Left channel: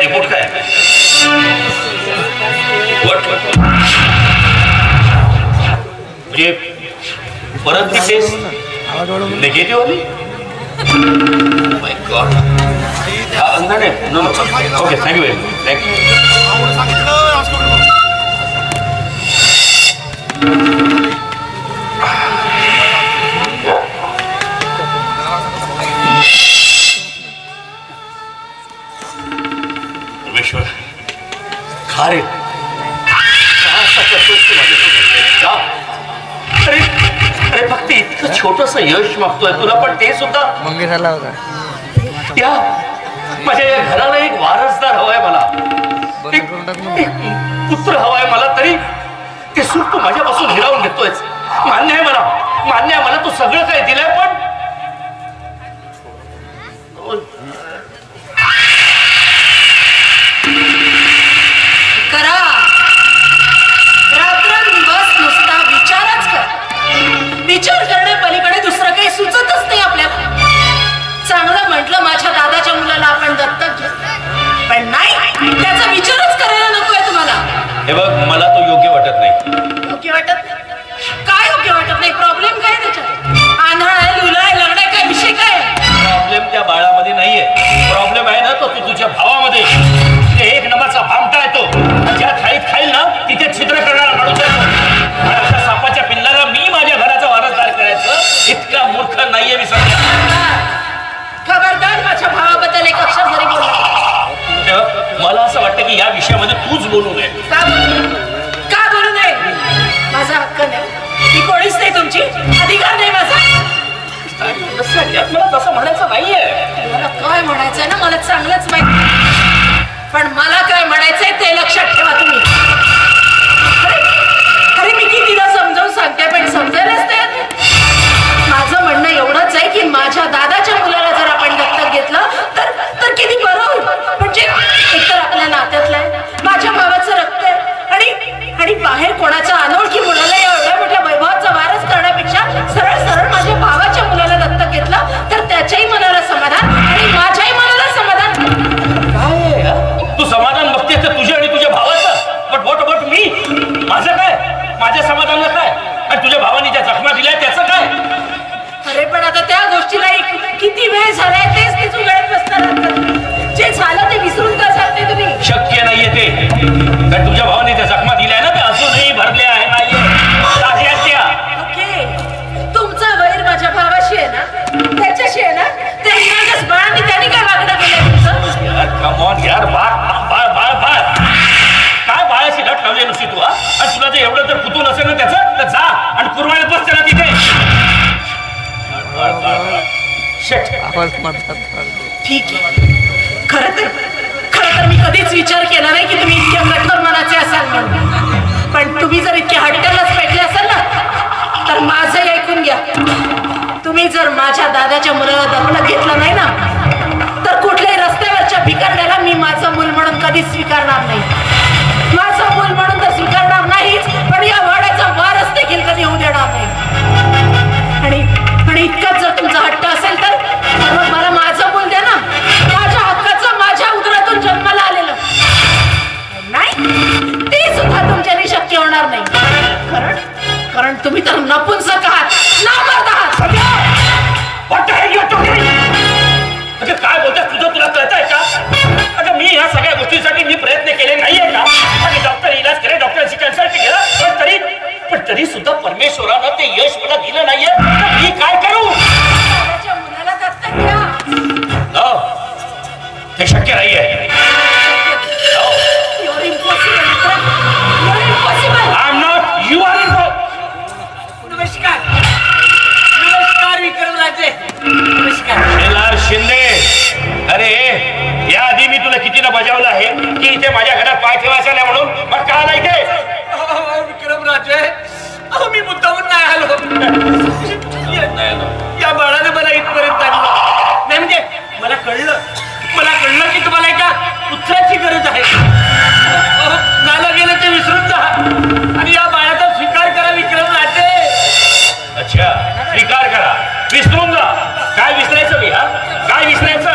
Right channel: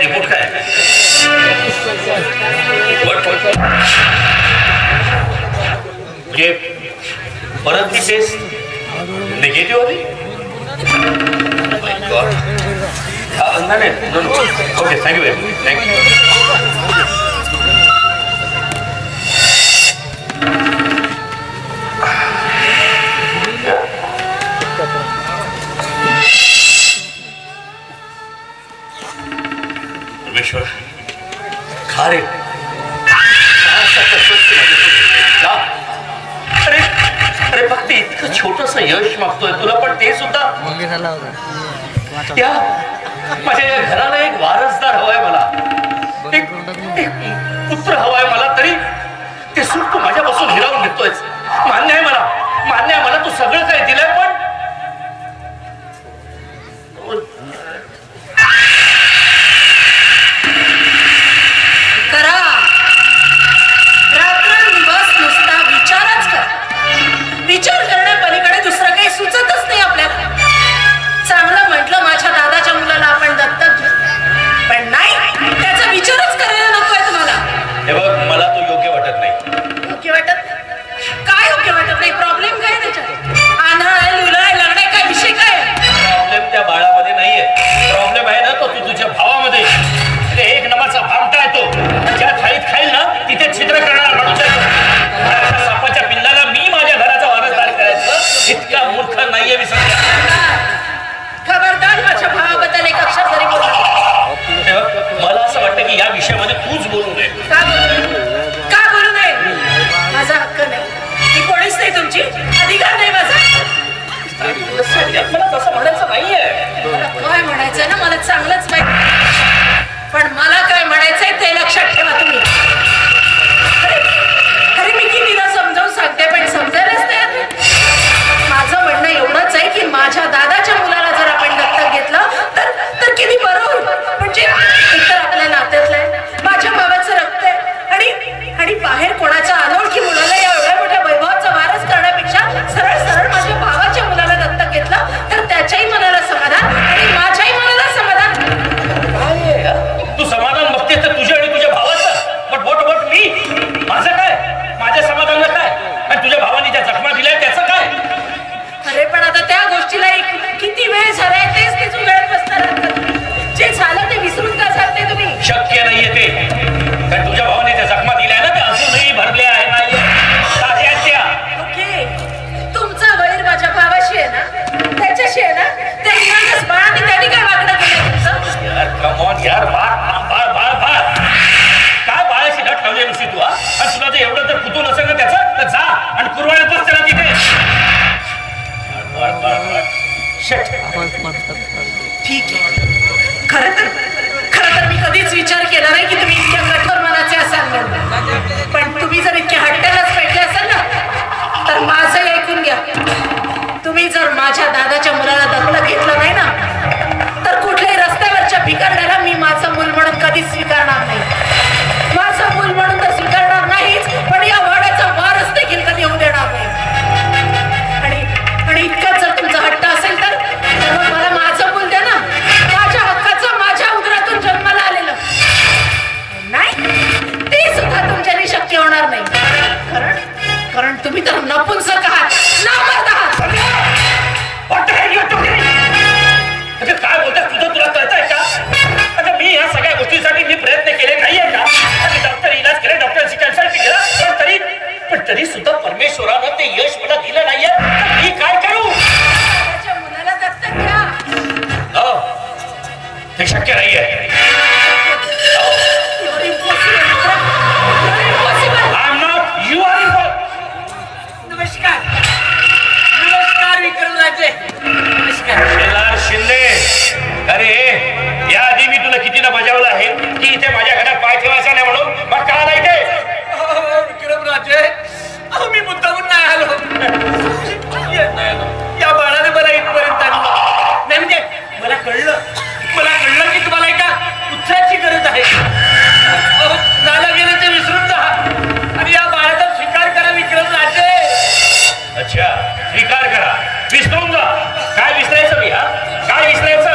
Report काय? म्हणजे परत ती टेस्ट निगेटिव्ह आली? नाही ओके थँक्यू थँक्यू. परमेश्वर खा रे. अरे अरे फक्त इतकं छोटस यश मागतोय तुला पण ते सुद्धा मंगे झाला होता. त्या माझ्या या घराला एक वारसदार हवाय मला, एक पुत्र हवाय मला, तरी ते सुख तू माझ्यापासून हिरावून घेतोय. मान्य आहे मला, मान्य आहे मला तू सगळं काही दिलंय, पण करा रात्रंदिवस नुसता विचारच कर. विचार करणे पलीकडे दुसरं काही सुचतच नाही आपल्याला. चांगलं म्हटलं माझ्या दादाच्या मुलाला आपण दत्तक घेऊ, पण नाही, त्याचा विचारच करायला नकोय तुम्हाला. हे बघ मला तो योग्य वाटत नाही. योग्य वाटत काय? योग्य वाटत नाही? प्रॉब्लेम काय त्याच्यात? आंधळ आहे, लुला आहे, लंगडा आहे, काय विषय काय? प्रॉब्लेम त्या बाळामध्ये नाहीये. प्रॉब्लेम आहे ना तो तुझ्या भावामध्ये. एक नंबरचा भामटा आहे तो. ज्या थाळीत खाईल ना तिथे छिद्र करणारा माणूस आहे तो. अशा सापाच्या पिल्लाला मी माझ्या घराचा वारसदार करायचं इतका मूर्ख नाहीये मी सध्या. खबरदार माझ्या भावाबद्दल एक अक्षर जरी बोलला. मला असं वाटतं की या विषयामध्ये तूच बोलू नये. का बोलू नये? माझा हक्क नाही, मी कोणीच नाही, तुमची अधिकार नाही माझा. मला तसं म्हणायचं नाहीये. मला काय म्हणायचंय ना मला चांगलंच माहिती, पण मला काय म्हणायचंय ते लक्षात ठेवा तुम्ही. अरे मी कितीदा समजावून सांगते पण समजायलाच नाही. माझं म्हणणं एवढंच आहे की माझ्या दादाच्या मुलाला जर आपण दत्तक घेतलं तर किती बरं होईल. म्हणजे एकतर आपल्या नात्यातलं आहे, माझ्या भावाचं रक्त आहे, आणि बाहेर कोणाच्या अनोळखी मुलाला या एवढ्या मोठ्या वैभवाचा वारस करण्यापेक्षा सरळ सरळ माझ्या भावाच्या मुलाला दत्तक घेतलं तर त्याच्याही मनाला समाधान आणि माझ्याही मनाला समाधान. तू समाधान बघते तर तुझ्या आणि तुझ्या भावाचं, बट वॉट मी? माझं काय? माझ्या समाधानाला काय? आणि तुझ्या भावाने ज्या जखमा दिल्या त्याचं काय? अरे पण आता त्या गोष्टीला किती वेळ झालाय तेच उघडत बसणार. जे झालं ते विसरून का जाते तुम्ही? शक्य नाहीये ते. कारण तुझ्या भावाने ज्या जखमा दिल्या ना त्या अजूनही भरल्या आहेत. ओके, तुमचा वैर माझ्या भावाशी आहे ना, त्याच्याशी आहे ना, त्या बाळाने त्यांनी काय वागणं केलं? कमॉन यार, बाळ काय बाळाशी घट लावली नुसती तू? आणि तुला जर एवढं जर कुतून असेल ना त्याचं तर जा आणि कुरवाळत बसते ना तिथे. ठीक आहे. खरं तर मी कधीच विचार केला नाही की तुम्ही इतक्या कठोर मनाचे असाल म्हणून, पण तुम्ही जर इतक्या हट्टालाच पेटले असाल ना तर माझं ऐकून घ्या. तुम्ही जर माझ्या दादाच्या मुलाला दत्तक घेतलं नाही ना तर कुठल्याही रस्त्यावरच्या भिकारण्याला मी माझं मूल म्हणून कधीच स्वीकारणार नाही. माझं मूल म्हणून तर स्वीकारणार नाहीच, पण या वाड्याचा वारस देखील कधी होऊ देणार नाही. आणि इतकंच जर तुमचा हट्ट असेल तर मला माझं मूल द्या ना, माझ्या हक्काचं, माझ्या उदरातून जन्माला आलेलं. नाही, ते सुद्धा तुमच्याने शक्य होणार नाही. कारण तुम्ही तर नपुंसक आहात, नामर्द आहात. काय बोलतात तुझं तुला कळतंय का? आता मी ह्या सगळ्या गोष्टीसाठी मी प्रयत्न केले नाहीये का? आणि डॉक्टर इलाज केले, डॉक्टरांची कन्सल्ट केलं, पण तरी सुद्धा परमेश्वरानं ते यश मला दिलं नाहीये. मी काय करू? माझ्या मुलाला दत्तक घ्या. ते शक्य नाहीये. नमस्कार विक्रमराजे. नमस्कार शिंदे. अरे याआधी मी तुला कितीदा बजावलं आहे की इथे माझ्या घरात पाय ठेवायचा नाही म्हणून, मग का आला इथे? विक्रमराजे, मी मुद्दामून नाही आलो. या बाळाने मला इथपर्यंत आणलं नाही. म्हणजे मला कळलं की तुम्हाला एका पुत्राची गरज आहे. झालं गेलं ते विसरून जा आणि या बाळाचा स्वीकार करा विक्रमराजे. अच्छा, स्वीकार करा, विसरून जा. काय विसरायचं मी? काय विसरायचं?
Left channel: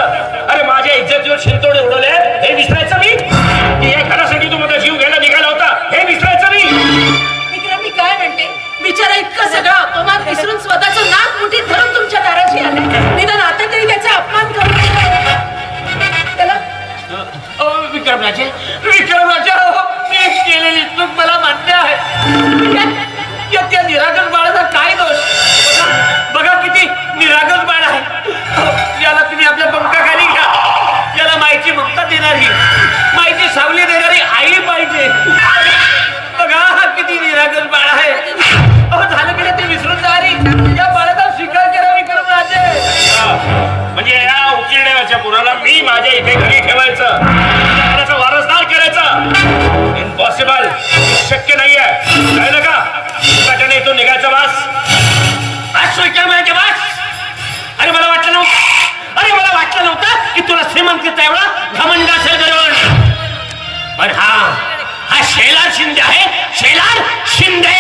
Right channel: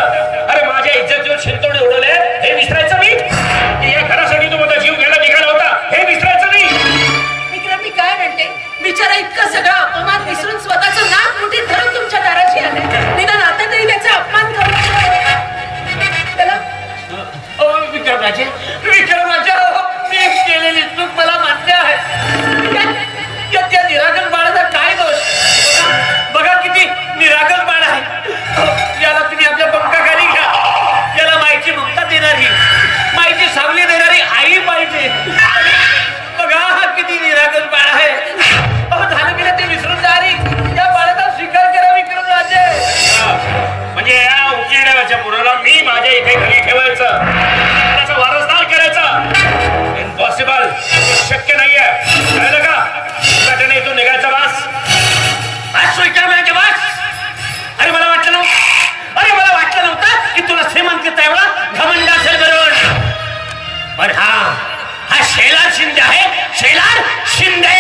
अरे माझ्या इज्जतीवर शिंतोडे उडवले, हे विसरायचं मी? विक्रमराजे मी केलेली चूक मला मान्य आहे. त्या निरागस बाळाचा काय दोष? बघा किती निरागस बाळ आहे. याला तुम्ही आपल्या पंखाखाली घ्या. याला माईची ममता देणारी, माईची सावली देणारी आई पाहिजे. बघा हा किती निरागस बाळ आहे. झालं गेलं ते विसरून जा. या बाळाचा स्वीकार करा विक्रमराजे. म्हणजे या उकिरड्याच्या पुराला मी माझ्या इथे घरी ठेवायचं, त्याचा वारसदार करायचा? इम्पॉसिबल, शक्य नाहीये. कळलं का? त्याच्याने तो निघायचा बास. विक्रमराजे बास. अरे मला वाटलं नव्हतं की तुला श्रीमंतीचा एवढा घमंड असेल करून. पण हा शेलार शिंदे आहे. शेलार शिंदे.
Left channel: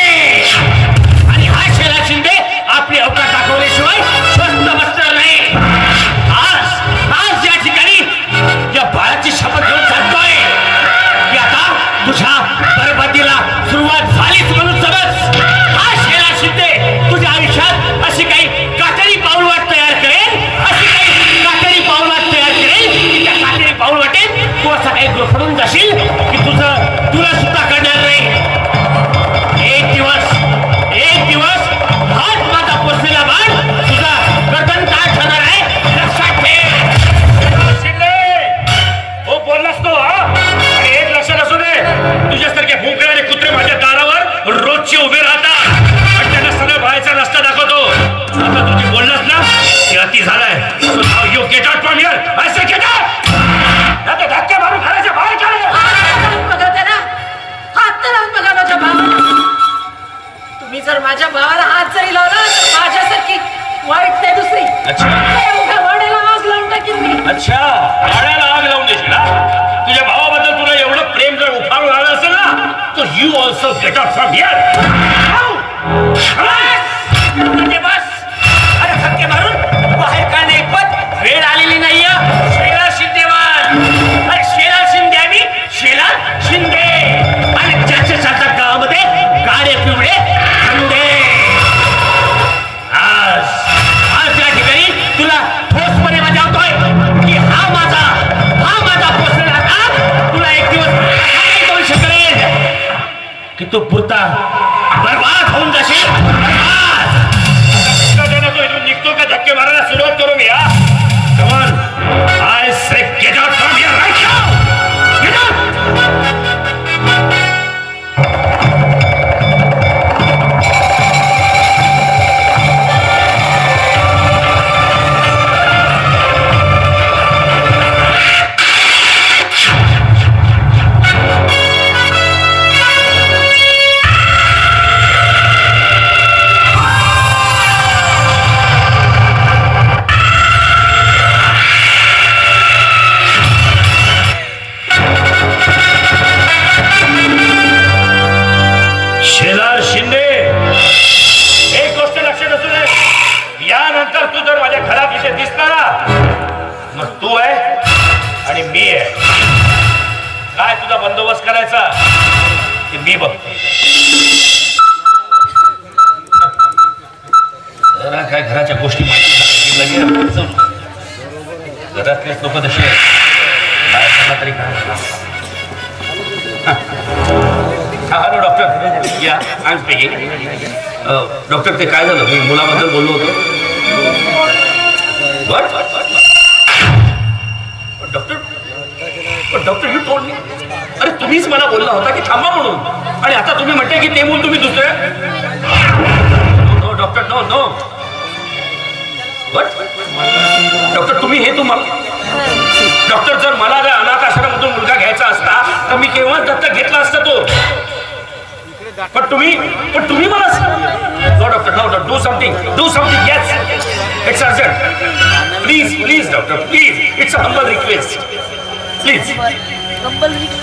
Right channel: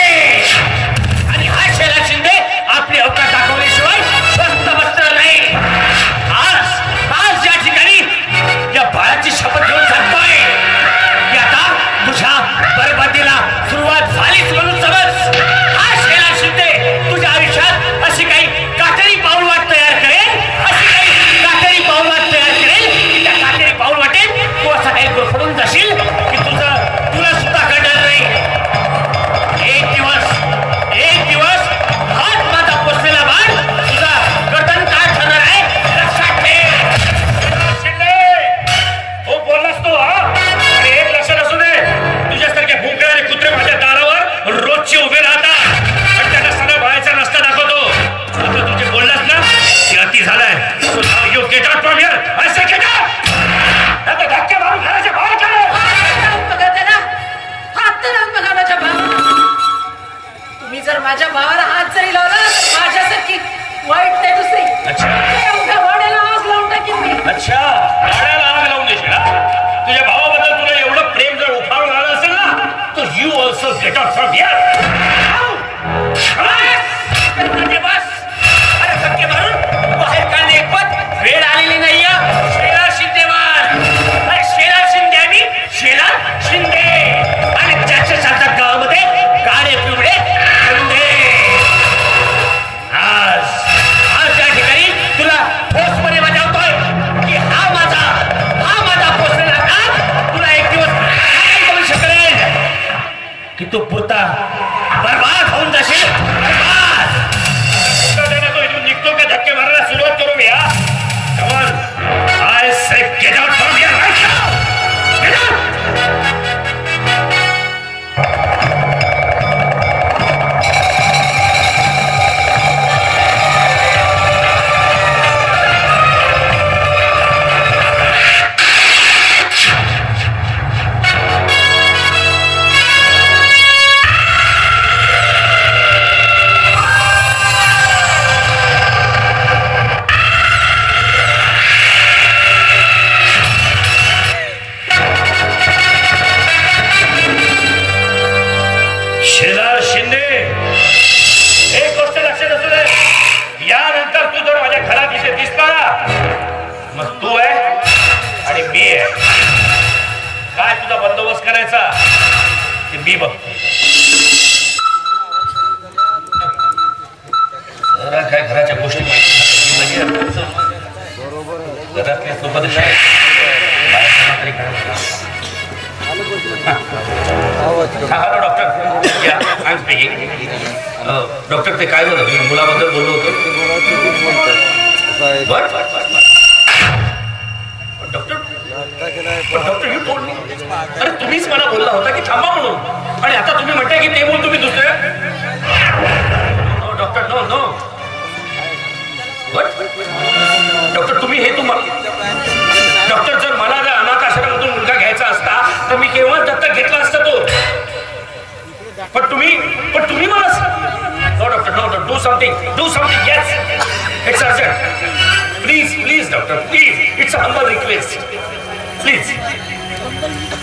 आणि हा शेलार शिंदे आपली अवकाश दाखवल्याशिवाय स्वस्त बसणार नाही. आज या ठिकाणी या बाळाची शपथ घेऊन सांगतोय की आता तुझ्या बरबादीला सुरुवात झालीच म्हणून समज. हा शेलार शिंदे तुझ्या आयुष्यात अशी काही काटेरी पाऊलवाट तयार करेल, की त्या काटेरी पाऊल वाटेल तू असा काही गुरफडून जाशील की तुला सुद्धा कळणार नाही. एक दिवस हात माझा पोचलेला बाळ तुझा गर्दन काय ठरणार आहे लक्षात ठेव. हो बोललास तो. आणि एक लक्षात असू दे, तुझ्यासारखे भुंकळे आणि कुत्रे माझ्या दारावर रोजचे उभे राहतात आणि त्यांना सगळं बाहेरचा रस्ता दाखवतो. आता तुझे बोललास ना ते अति झालाय. You get out from here. I say get out. आता धक्के मारून घराच्या बाहेर काढ. बघा त्याला हात तर लावून बघा माझ्या भावाला. तुम्ही जर माझ्या भावाला हात जरी लावला तर माझ्यासारखी वाईट नाही दुसरी. अच्छा. एवढ्या वाड्याला आग लावून टाकीन मी. अच्छा, गाड्याला आग लावून देशील ना? तुझ्या भावाबद्दल तुला एवढं प्रेम जर उफाळून आलं असेल ना तर you also get out from here. बस. अरे धक्के मारून बाहेर काढणे पद वेळ आलेली नाहीये. शेलार शिंदेवाल. अरे शेलार शिंदे आणि शेलार शिंदे आणि ज्याच्या सारख्या गावामध्ये काळे पिवळे खंडे. आज या ठिकाणी तुला ठोसपणे बजावतोय की हा माझा पोचलेला काम तुला एक दिवस काय करू शकेल की तू पुरता बर्बाद होऊन जाशील. निघतो का धक्के मारायला सुरुवात करू मी? Come on. I say get out from here right now. Get out. Shelar Shinde, एक गोष्ट लक्षात असू दे. यानंतर तू जर माझ्या घरात इथे दिसला मग तू आहे आणि मी आहे. काय तुझा बंदोबस्त करायचा ते मी बघतो. जरा काय घराच्या गोष्टी माहिती घरातले लोक तसे आहेत तरी काय. Hello doctor. या आय एम स्पीकिंग. डॉक्टर ते काय झालं? मी मुलाबद्दल बोललो होतो. Doctor you told me. अरे तुम्हीच मला बोलला होता की थांबा म्हणून आणि आता तुम्ही म्हणताय की ते बोल तुम्ही दुसरे. No doctor no no. Doctor तुम्ही हे तुम्हाला डॉक्टर जर मला जर अनाथ आश्रमातून मुलगा घ्यायचा असता तर मी केव्हाच दत्तक घेतला असता तो. पण तुम्ही मला no doctor no do something yes it's urgent. Please doctor please it's a humble request please.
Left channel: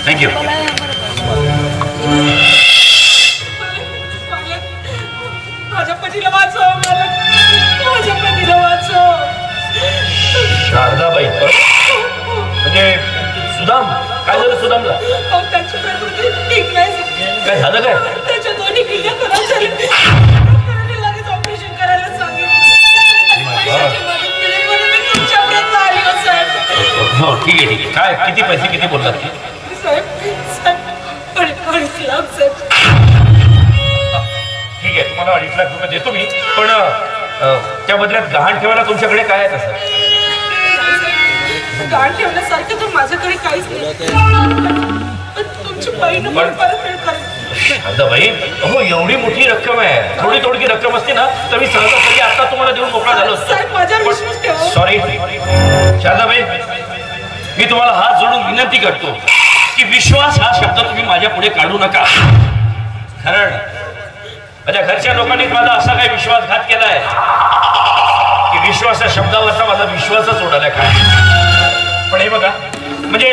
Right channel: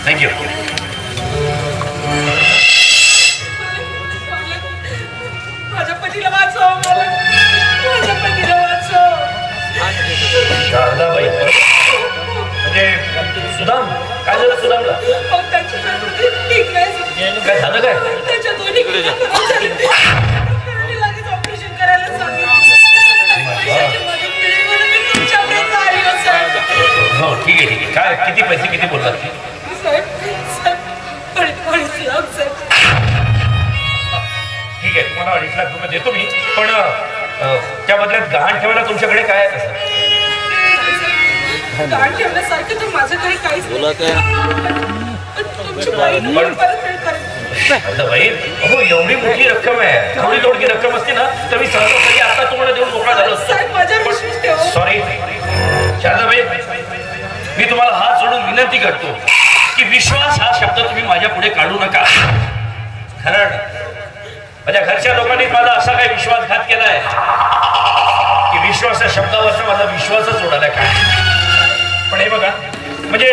Thank you. माझ्या पतीला वाचव. माझ्या पतीला वाचव. शारदाबाई म्हणजे सुदाम. काय झालं सुदामला? त्याची प्रकृती ठीक नाही. काय झालं? काय त्याच्या दोन्ही किडन्या खराब झाल्या. डॉक्टरांनी लगेच ऑपरेशन करायला सांगितलं. पैशाची मदत मिळेल म्हणून मी तुमच्यापर्यंत आली हो साहेब. ठीक आहे काय किती पैसे किती बोललात की ठीक आहे तुम्हाला 2.5 लाख रुपये देतो मी पण त्या बदल्यात गहाण ठेवायला तुमच्याकडे काय आहे तसं गहाण ठेवण्यासारखं तर माझ्याकडे काहीच नाही तुमची बहीण परत भाई हो एवढी मोठी रक्कम आहे थोडी थोडी रक्कम असते ना तर मी सहजासहजी आता तुम्हाला देऊन मोकळा झालो असतो सॉरी शारदाबाई मी तुम्हाला हात जोडून विनंती करतो की विश्वास हा शब्द तुम्ही माझ्या पुढे काढू नका कारण माझ्या घरच्या लोकांनी माझा असा काही विश्वासघात केलाय की विश्वास या शब्दावरचा माझा विश्वासच उडाला काय पण हे बघा म्हणजे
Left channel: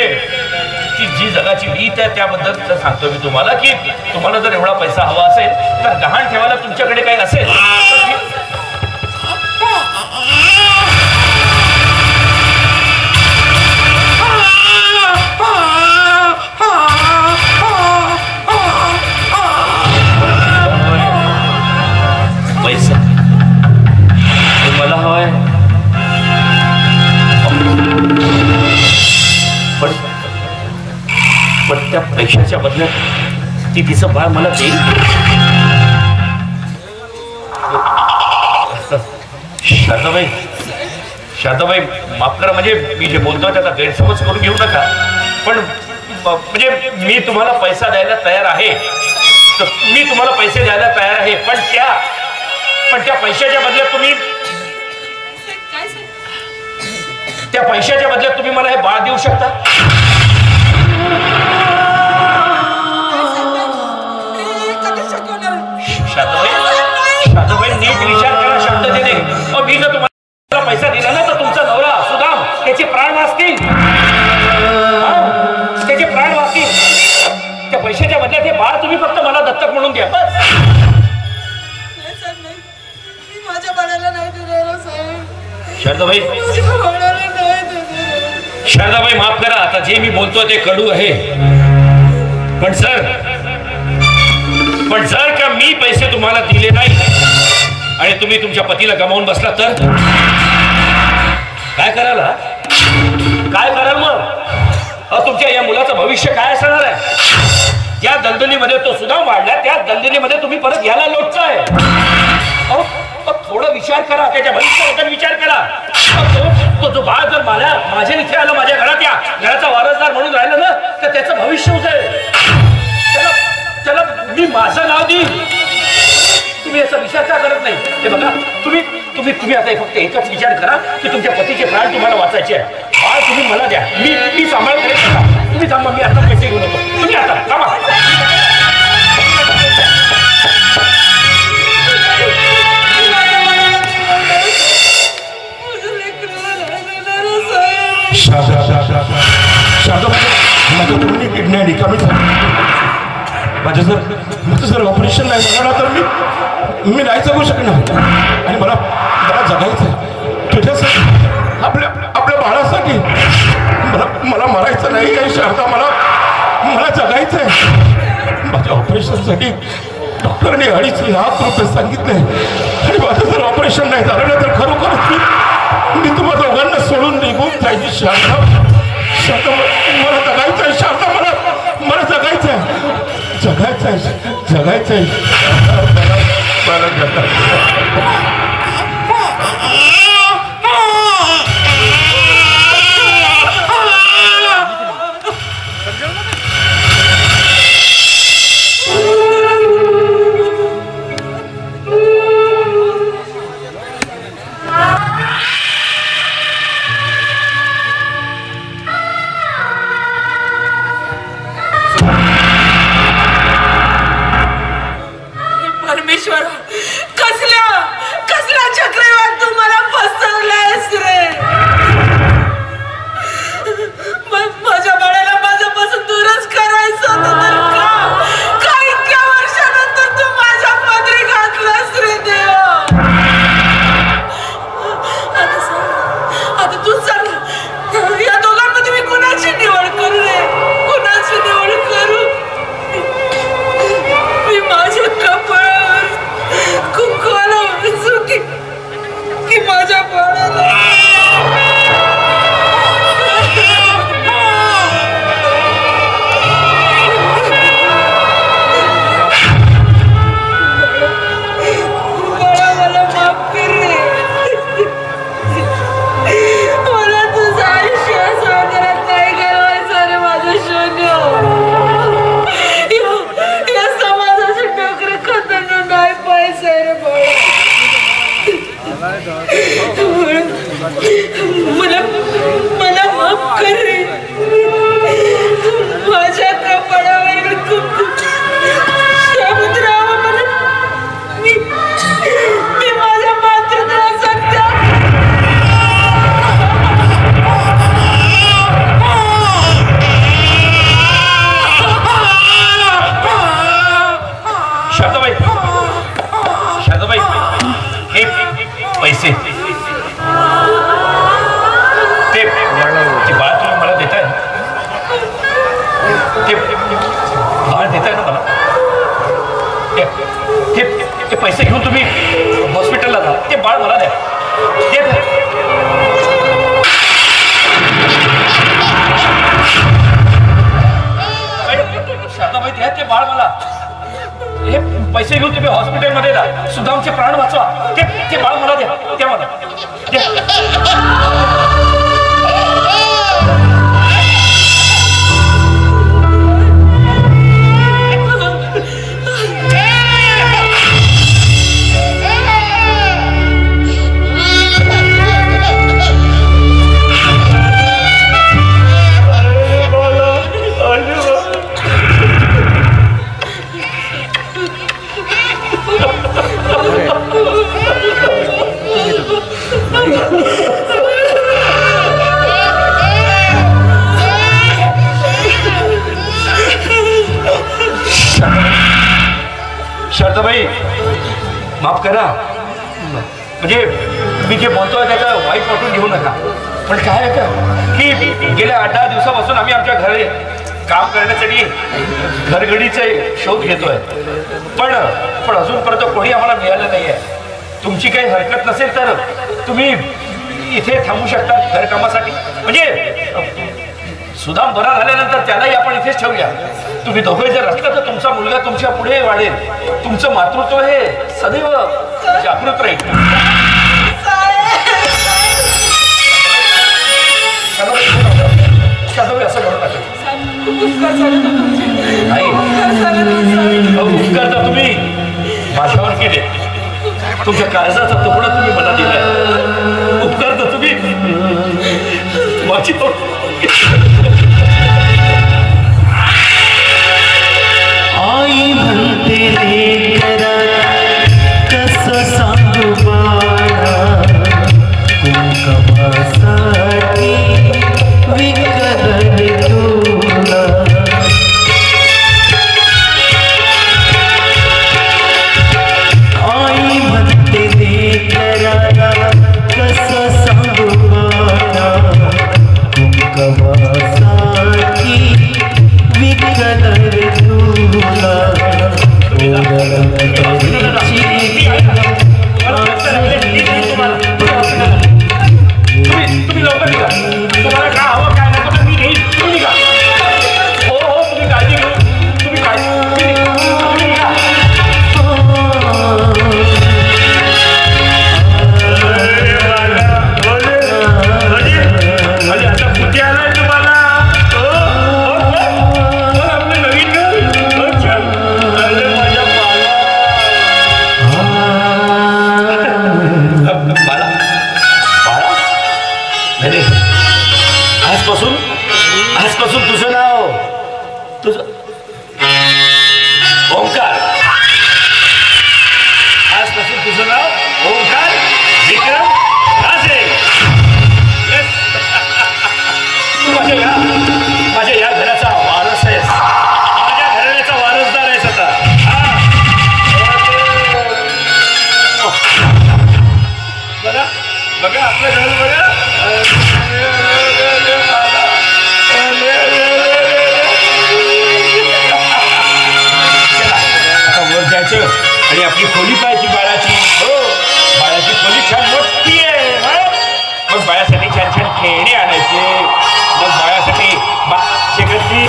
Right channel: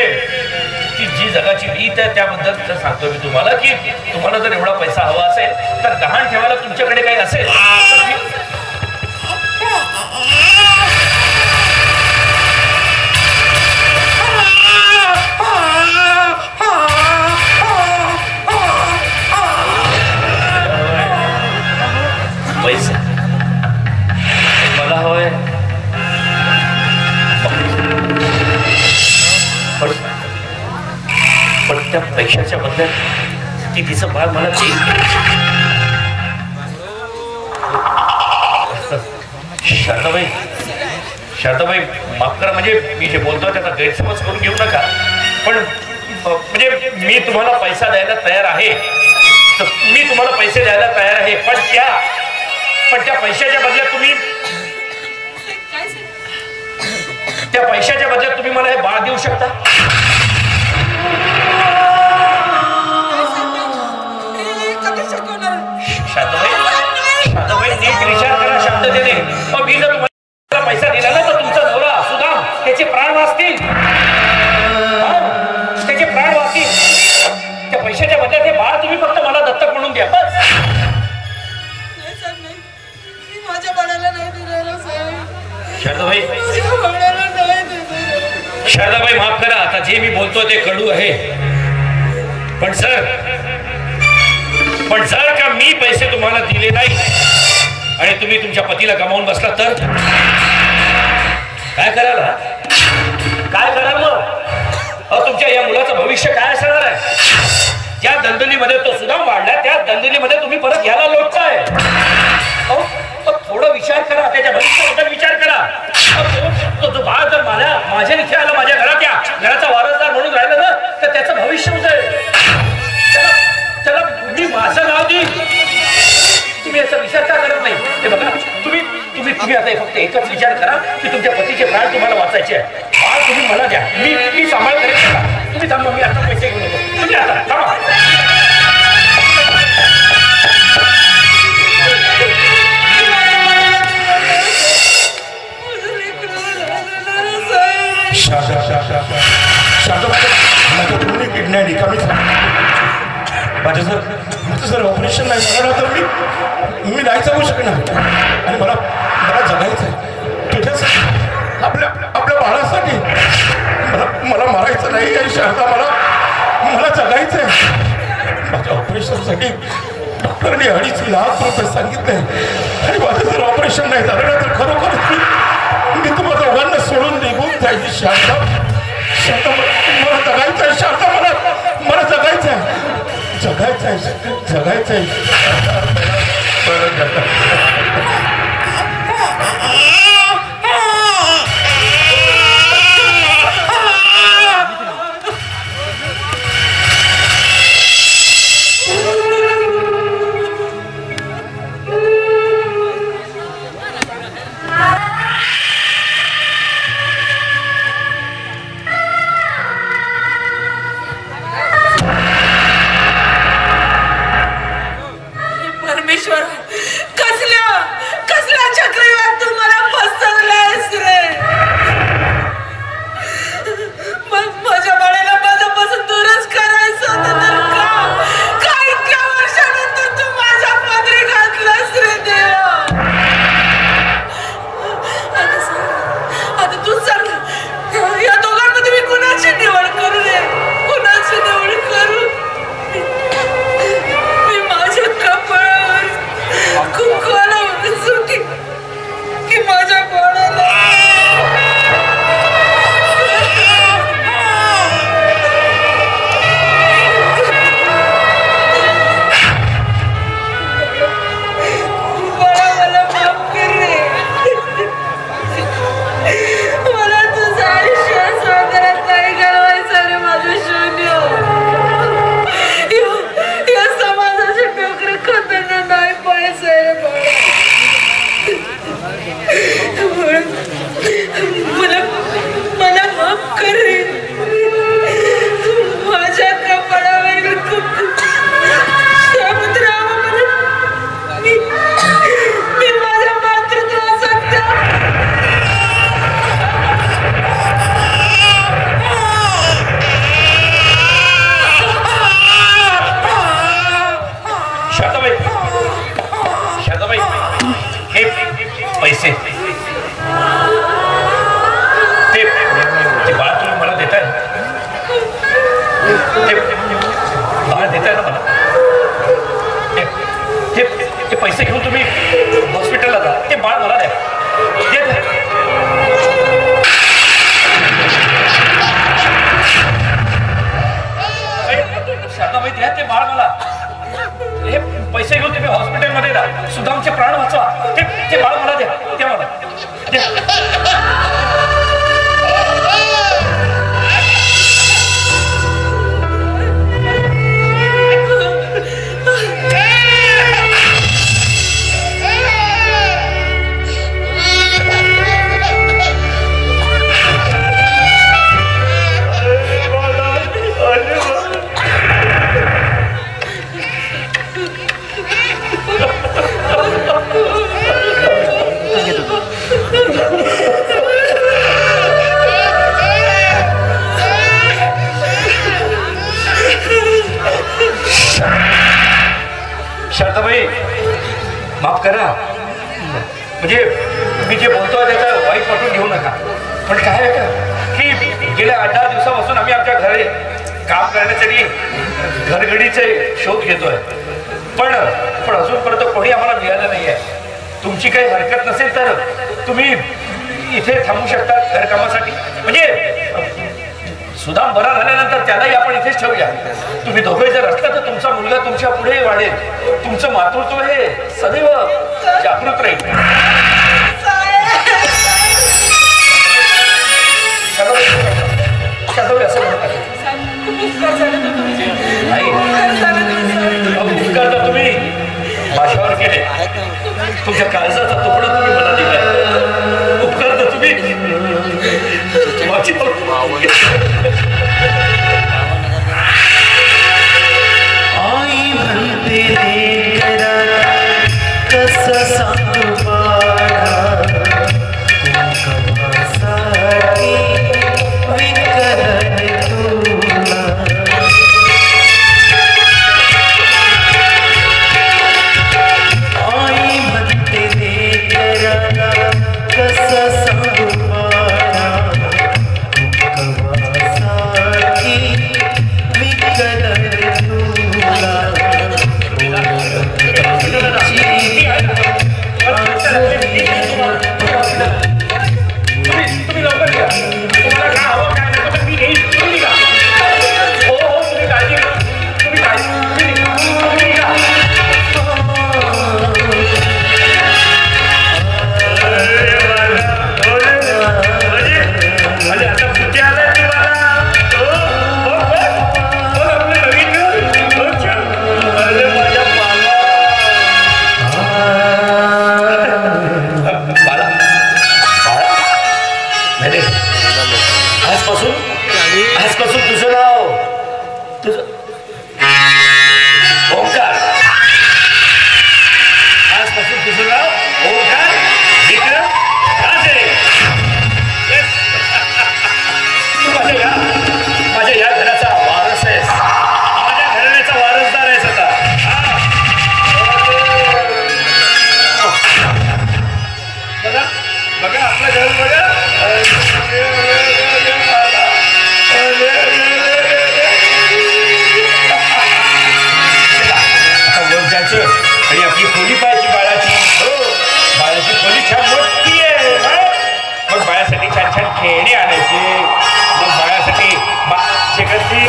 ती जी जगाची रीत आहे त्याबद्दल सांगतो मी तुम्हाला की तुम्हाला जर एवढा पैसा हवा असेल तर गहाण ठेवायला तुमच्याकडे काही असेल पैसे मला हवंय पण त्या पैशाच्या बदल्यात ती तिचं बाळ मला देईल शारदाबाई माफ करा म्हणजे मी जे बोलतो त्याचा गैरसमज करून घेऊ नका पण म्हणजे मी तुम्हाला पैसा द्यायला तयार आहे तर मी तुम्हाला पैसे द्यायला तयार आहे पण त्या पैशाच्या बदल्यात तुम्ही त्या पैशाच्या बदल्यात तुम्ही मला हे बाळ देऊ शकता शारदाबाई नीट विचार करा शब्द देणे मी जर तुम्हाला पैसा दिला ना तर तुमचा नवरा सुदाम त्याचे प्राण वाचतील त्याचे प्राण वाचतील त्या पैशाच्या बदल्यात हे बाळ तुम्ही फक्त मला दत्तक म्हणून द्या माझ्या बाळाला नाही दिलेलं शारदाबाई माफ करा आता जे मी बोलतो ते कडू आहे पण जर का मी पैसे तुम्हाला दिले नाही आणि तुम्ही तुमच्या पतीला गमावून बसला तर काय कराल मग तुमच्या या मुलाचं भविष्य काय असणार आहे ज्या दलदलीमध्ये तो सुद्धा वाढला त्या दलदलीमध्ये तुम्ही परत याला लोटताय थोडं विचार करा त्याच्या भविष्याबद्दल विचार करा तो जो बाळ जर माझ्या इथे आला माझ्या घरात या घराचा वारसदार म्हणून राहिला ना तर त्याचं भविष्य उजळेल त्याला मी माझं नाव देईन तुम्ही याचा विचार का करत नाही हे बघा तुम्ही आता फक्त एकच विचार करा की तुमच्या पतीचे प्राण तुम्हाला वाचायचे आहे बाळ तुम्ही मला द्या मी सांभाळ करेन तुम्ही थांबा मी आता पैसे घेऊन येतो तुम्ही आता थांबा किडनी रिकामी माझं जर ऑपरेशन नाही झालं तर मी नाही जगू शकणार आणि मला जगायचं आहे तुझ्यासाठी आपल्या बाळासाठी मला मरायचं नाही आहे शारदा मला जगायचं आहे माझ्या ऑपरेशनसाठी डॉक्टरने 2.5 लाख रुपये सांगितले आणि माझं जर ऑपरेशन नाही झालं ना तर खरोखर मी तुम्हाला दोघांना सोडून निघून जायची शारदा मला जगायचं आहे शारदा मला जगायचं आहे परमेश्वर बाळ देताय ना मला? ते पैसे घेऊन तुम्ही हॉस्पिटलला जा. ते बाळ मला द्या. शारदाबाई द्या ते बाळ मला. हे पैसे घेऊन तुम्ही हॉस्पिटलमध्ये जा. सुदामचे प्राण वाचवा. ते बाळ मला द्या. ते मला शारदाबाई माफ करा. म्हणजे मी जे बोलतोय त्याचा वाईट वाटून घेऊ नका. पण काय आहे का की गेल्या 8-10 दिवसापासून आम्ही आमच्या घरी काम करण्यासाठी घरगडीचे शोध घेतोय. पण अजूनपर्यंत कोणी आम्हाला मिळालं नाहीये. तुमची काही हरकत नसेल तर तुम्ही इथे थांबू शकता घरकामासाठी. म्हणजे सुदाम बरा झाल्यानंतर त्यालाही आपण इथेच ठेवूया. तुम्ही दोघे जर असला तर तुमचा मुलगा तुमच्या पुढे वाढेल. तुमचं मातृत्व हे सदैव जागृत राहील. असं म्हणतात उपकार तर तुम्ही माझ्यावर केले. तुमच्या काळजाचा तुकडा तुम्ही मला दिलाय. उपकार तर तुम्ही माझी आई म्हणते रे कसं सांगू बाळा कुंकवासाठी विकलंय तुला. आई म्हणते रे कसं सांगू बाळा कुंकवासाठी विकलंय तुला. आजपासून तुझं नाव तुझं ओंकार. आजपासून तुझं नाव ओंकार विक्रम राजे. तू माझ्या या घराचा वारस आहेस. माझ्या घराण्याचा वारसदार आहेस आता. बघा बघा आपल्या घरात बघा. आणि आपली खोली पाहायची बाळाची. हो बाळाची खोली छान मोठी आहे. मग बाळासाठी छान छान खेळणे आणायचे. मग बाळासाठी शेकडची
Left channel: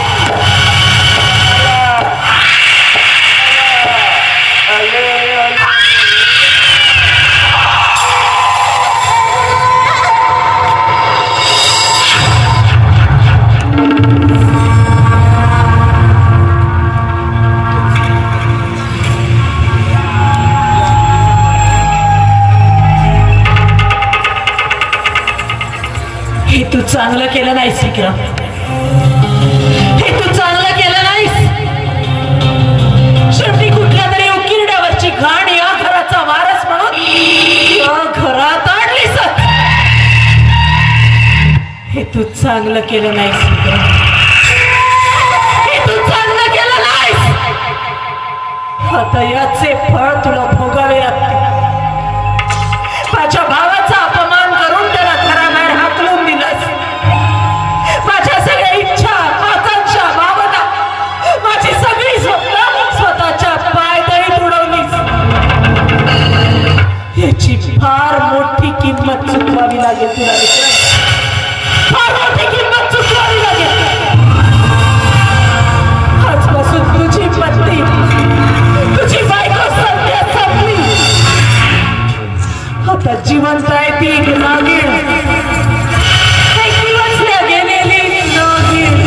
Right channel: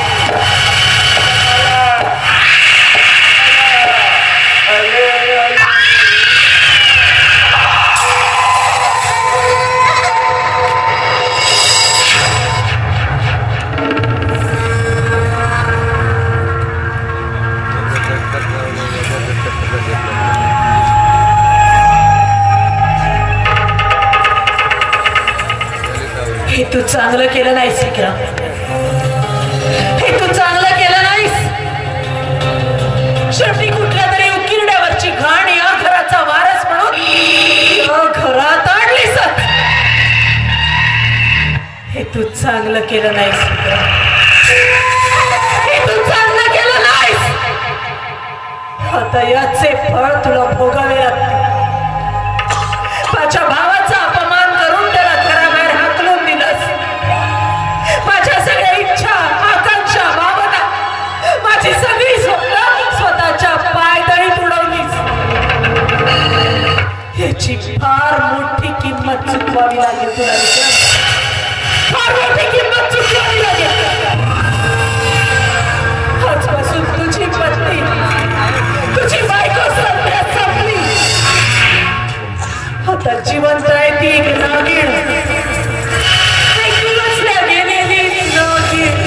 हे तू चांगलं केलं नाहीस विक्रम. हे तू चांगलं केलं नाहीस. शेवटी कुठल्या तरी उकिरड्यावरची घाण या घराचा वारस म्हणून या घरात आणलीस. हे तू चांगलं केलं नाहीस विक्रम. हे तू चांगलं केलं नाहीस. आता याचे फळ तुला भोगावे लागते. माझ्या भावाचा अपमान करून त्याला घराबाहेर हाकलून दिलंस. माझ्या सगळ्या इच्छा आकांक्षा भावना आता जिवंत आहे ती एक नागिण, एक दिवस गेलेली नागिण.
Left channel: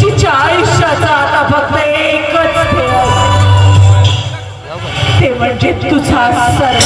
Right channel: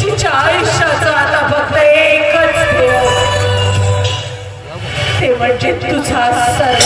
तिच्या आयुष्याचा आता फक्त एकच ध्येय, ते म्हणजे तुझा सर्व